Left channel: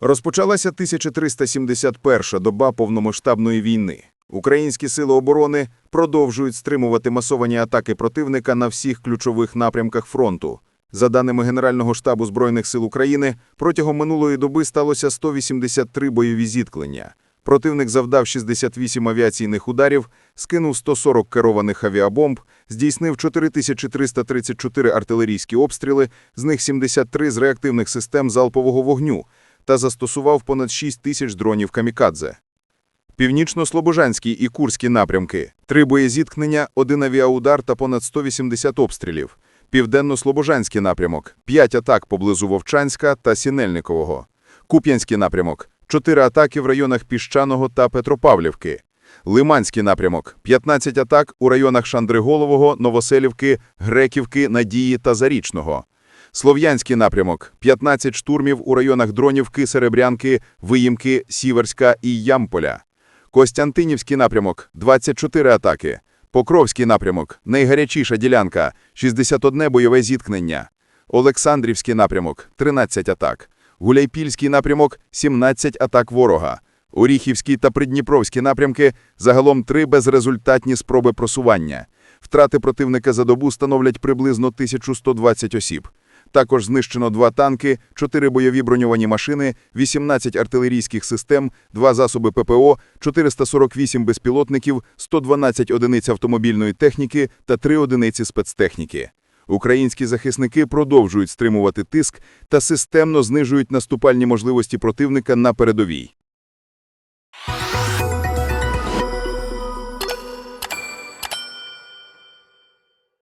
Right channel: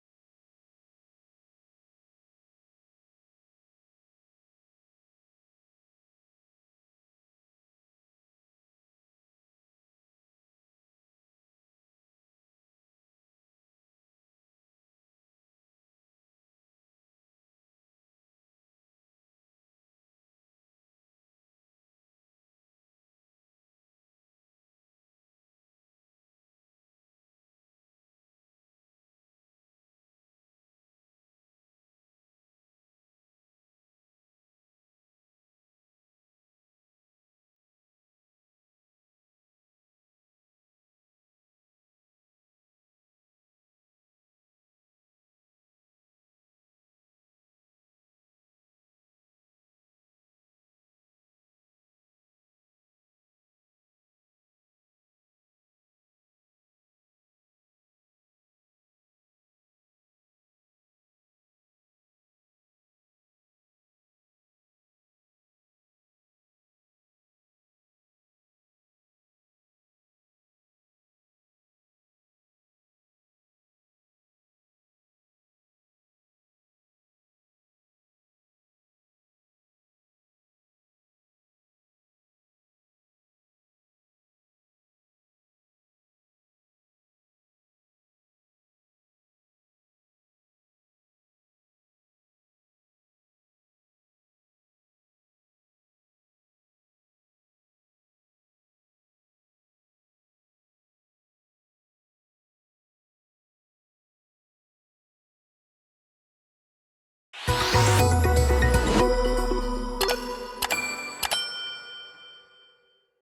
Розпочалася 1371-ша доба повномасштабної війни. Українські сили оборони продовжують стримувати масовані атаки противника на всіх ключових напрямках фронту. За даними Генерального штабу Збройних сил України, протягом минулої доби сталося 183 бойові зіткнення. Противник завдав 68 авіаційних ударів, скинув 140 керованих авіабомб, здійснив 4334 артилерійські обстріли, з них 73 з реактивних систем залпового вогню, та застосував понад 6 тисяч дронів камікадзе. Північно-Слобожанський і Курські напрямки – три боєзіткнення, один авіаудар та понад 180 обстрілів. Південно-Слобожанський напрямок – п'ять атак поблизу Вовчанська та Сінельникового. Куп'янський напрямок – чотири атаки в районах Піщаного та Петропавлівки. Лиманський напрямок – 15 атак у районах Шандриголового, Новоселівки, Греківки, Надії та Зарічного. Слов'янський напрямок – 15 штурмів у районах Дронівки, Серебрянки, Виїмки, Сіверська і Ямполя. Костянтинівський напрямок – 24 атаки. Покровський напрямок – найгарячіша ділянка – 61 бойове зіткнення. Олександрівський напрямок – 13 атак. Гуляйпільський напрямок – 17 атак ворога. Оріхівський та Придніпровський напрямки – загалом три безрезультатні спроби просування. Втрати противника за добу становлять приблизно 1120 осіб. Також знищено два танки, чотири бойові броньовані машини, 18 артилерійських систем, два засоби ППО, 448 безпілотників, 112 одиниць автомобільної техніки та три одиниці спецтехніки. Українські захисники продовжують стримувати тиск та системно знижують наступальні можливості противника на передовій.